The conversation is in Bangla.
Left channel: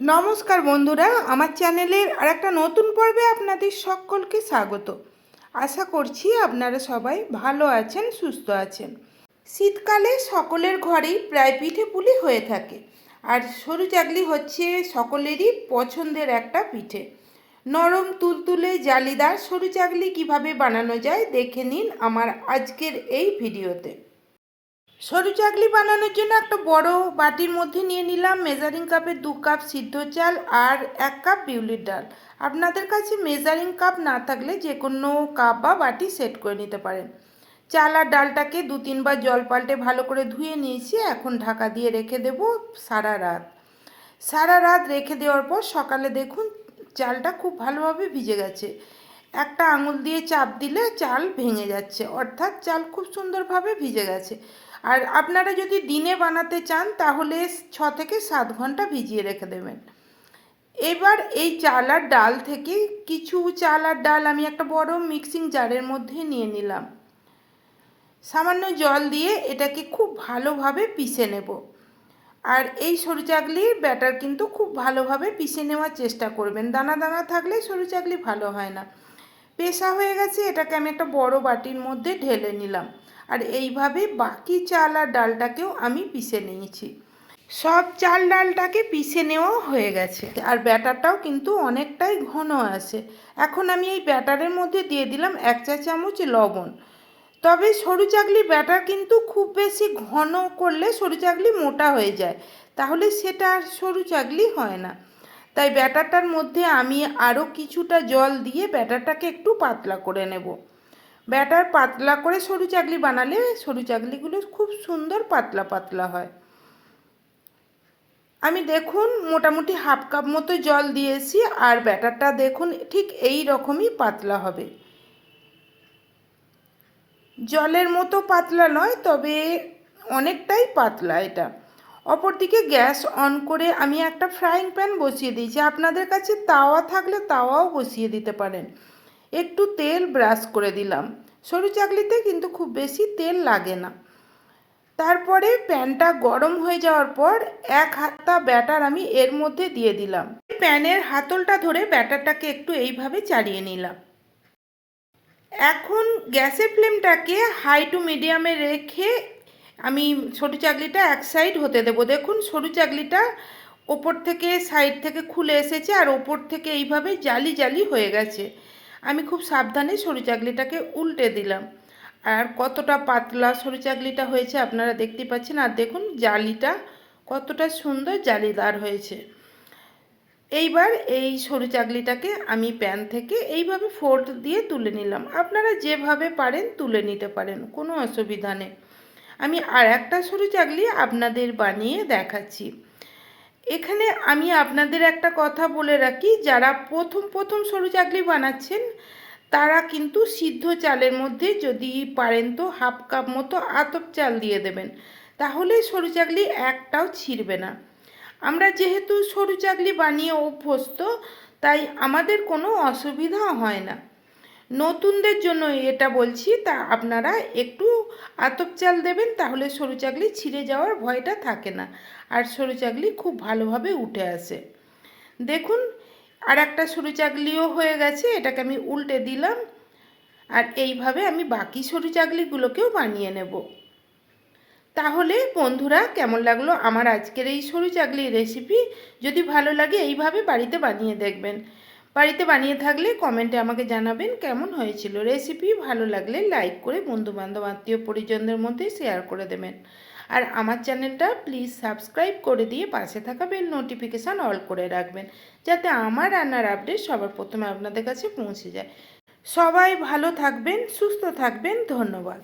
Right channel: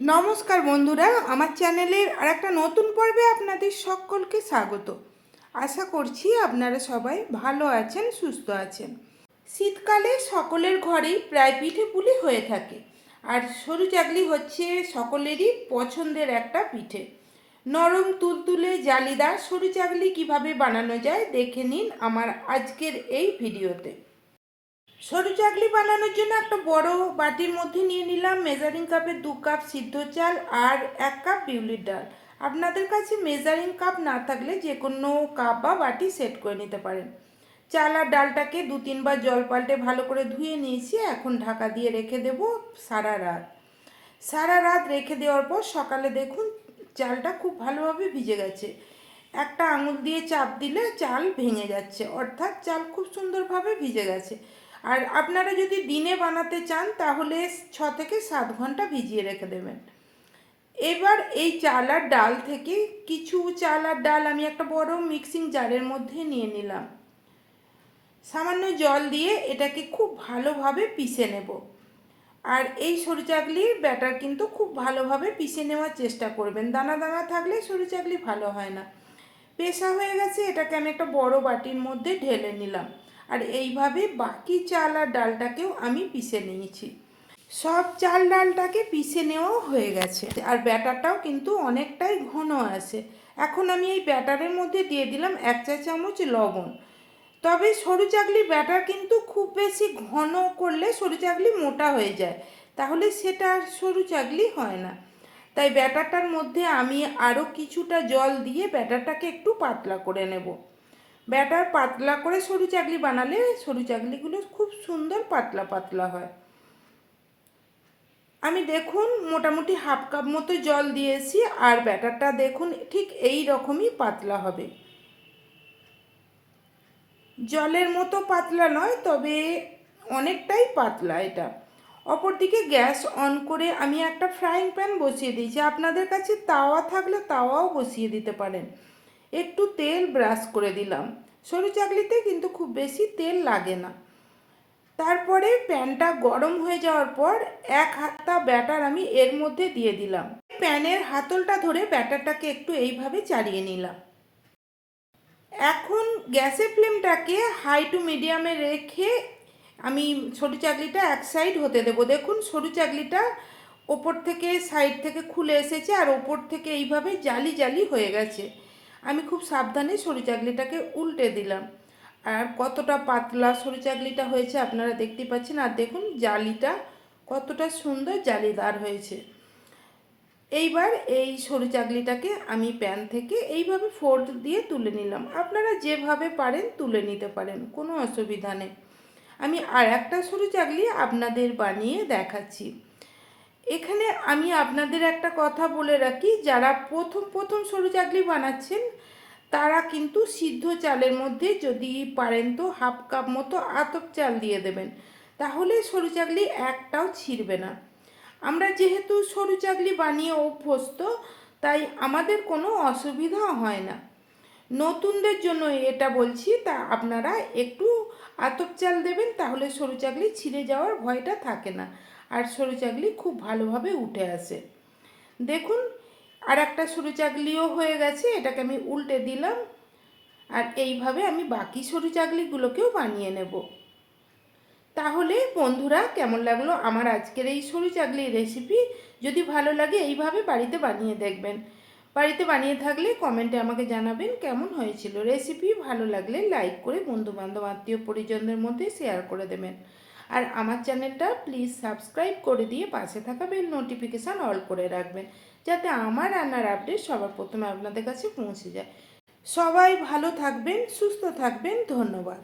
নমস্কার বন্ধুরা, আমার চ্যানেলের আর একটা নতুন পর্বে আপনাদের সকলকে স্বাগত। আশা করছি আপনারা সবাই ভালো আছেন, সুস্থ আছেন। শীতকালে সকলের ঘরেই প্রায় পিঠে পুলি হয়ে থাকে, আর সরু চাকলি হচ্ছে সকলেরই পছন্দের একটা পিঠে। নরম তুলতুলে জালিদার সরু চাকলি কীভাবে বানানো যায় দেখে নিন আমার আজকের এই ভিডিওতে। সরু চাকলি বানানোর জন্য একটা বড় বাটির মধ্যে নিয়ে নিলাম মেজারিং কাপের দু কাপ সিদ্ধ চাল আর এক কাপ বিউলির ডাল। আপনাদের কাছে মেজারিং কাপ না থাকলে যে কোনো কাপ বা বাটি সেট করে নিতে পারেন। চাল আর ডালটাকে দু তিনবার জল পাল্টে ভালো করে ধুয়ে নিয়েছি, এখন ঢাকা দিয়ে রেখে দেব সারা রাত। সারা রাত রেখে দেওয়ার পর সকালে দেখুন চালটা খুব ভালোভাবে ভিজে গেছে। একটা আঙুল দিয়ে চাপ দিলে চাল ভেঙে যাচ্ছে, অর্থাৎ চাল খুব সুন্দরভাবে ভিজে গেছে। আর আপনারা যদি দিনে বানাতে চান, তাহলে ছ থেকে সাত ঘণ্টা ভিজিয়ে রেখে দেবেন। এবার এই চাল আর ডাল থেকে কিছু চাল আর ডাল আমি একটা বড় মিক্সিং জারের মধ্যে নিয়ে নিলাম। সামান্য জল দিয়ে এটাকে খুব ভালোভাবে পিষে নেব। আর এই সরু চাকলির ব্যাটার কিন্তু খুব ভালোভাবে পিষে নেওয়ার চেষ্টা করবেন। দানা দানা থাকলে সরু চাকলি ভালো হয় না। পেশা হয়ে গেছে, এটাকে আমি একটা বড় বাটির মধ্যে ঢেলে নিলাম। আর এইভাবে বাকি চাল আর ডালটাকেও আমি পিষে নিয়েছি। সব চাল ডালটাকে পিষে নেওয়াও হয়ে গেছে। আর ব্যাটারটাও কিন্তু অনেকটাই ঘন আছে। এখন আমি এই ব্যাটারের মধ্যে দিয়ে দিলাম এক চা চামচ লবণ। তবে সরু চাকলি ব্যাটার কিন্তু খুব বেশি ঘন করলে সরু চাকলি মোটা হয়ে যায়। তাহলে সেটা আর সরু চাকলি হয় না। তাই ব্যাটারটার মধ্যে আমি আরও কিছুটা জল দিয়ে ব্যাটারটাকে একটু পাতলা করে নেব। ব্যাটার পাতলা করে সরু চাকলি বানালে সরু চাকলিগুলো খুব সুন্দর পাতলা পাতলা হয়। আমি দেখুন মোটামুটি হাফ কাপ মতো জল দিয়েছি আর ব্যাটারটা দেখুন ঠিক এই রকমই পাতলা হবে। জলের মতো পাতলা নয়, তবে অনেকটাই পাতলা এটা। অপরদিকে গ্যাস অন করে আমি একটা ফ্রাইং প্যান বসিয়ে দিয়েছি। আপনাদের কাছে তাওয়া থাকলে তাওয়াও বসিয়ে দিতে পারেন। একটু তেল ব্রাশ করে দিলাম। সরু চাকলিতে কিন্তু খুব বেশি তেল লাগে না। তারপরে প্যানটা গরম হয়ে যাওয়ার পর এক হাতা ব্যাটার আমি এর মধ্যে দিয়ে দিলাম। প্যানের হাতলটা ধরে ব্যাটারটাকে একটু এইভাবে চাড়িয়ে নিলাম। এখন গ্যাসের ফ্লেমটাকে হাই টু মিডিয়ামে রেখে আমি সরু চাকলিটা এক সাইড হতে দেবো। দেখুন, সরু চাকলিটা ওপর থেকে সাইড থেকে খুলে এসেছে আর ওপর থেকে এইভাবে জালি জালি হয়ে গেছে। আমি খুব সাবধানে সরু চাকলিটাকে উল্টে দিলাম। আর কতটা পাতলা সরু চাকলিটা হয়েছে আপনারা দেখতে পাচ্ছেন। আর দেখুন, জালিটা কতটা সুন্দর জালিদার হয়েছে। এইবার এই সরু চাকলিটাকে আমি প্যান থেকে এইভাবে ফোল্ড দিয়ে তুলে নিলাম। আপনারা যেভাবে পারেন তুলে নিতে পারেন, কোনো অসুবিধা নেই। আমি আর একটা সরু চাকলি আপনাদের বানিয়ে দেখাচ্ছি। এখানে আমি আপনাদের একটা কথা বলে রাখি, যারা প্রথম প্রথম সরু চাকলি বানাচ্ছেন, তারা কিন্তু সিদ্ধ চালের মধ্যে যদি পারেন তো হাফ কাপ মতো আতপ চাল দিয়ে দেবেন। তাহলে সরু চাকলি একটাও ছিঁড়বে না। আমরা যেহেতু সরু চাকলি বানিয়ে অভ্যস্ত, তাই আমাদের কোনো অসুবিধা হয় না। নতুনদের জন্য এটা বলছি, তা আপনারা একটু আতপ চাল দেবেন, তাহলে সরু চাকলি ছিঁড়ে যাওয়ার ভয়টা থাকে না। আর সরু চাকলি খুব ভালোভাবে উঠে আসে। দেখুন আর একটা সরু চাকলিও হয়ে গেছে, এটাকে আমি উল্টে দিলাম, আর এইভাবে আমি বাকি সরু চাকলিগুলোকেও বানিয়ে নেব। তাহলে বন্ধুরা, কেমন লাগল আমার আজকের এই সরু চাকলির রেসিপি যদি ভালো লাগে, এইভাবে বাড়িতে বানিয়ে দেখবেন। বাড়িতে বানিয়ে থাকলে কমেন্টে আমাকে জানাবেন কেমন হয়েছিল রেসিপি ভালো লাগলে লাইক করে বন্ধুবান্ধব, আত্মীয় পরিজনদের মধ্যে শেয়ার করে দেবেন। আর আমার চ্যানেলটা প্লিজ সাবস্ক্রাইব করে দিয়ে পাশে থাকা বেল নোটিফিকেশান অল করে রাখবেন, যাতে আমার রান্নার আপডেট সবার প্রথমে আপনাদের কাছে পৌঁছে যায়। সবাই ভালো থাকবেন, সুস্থ থাকবেন, ধন্যবাদ।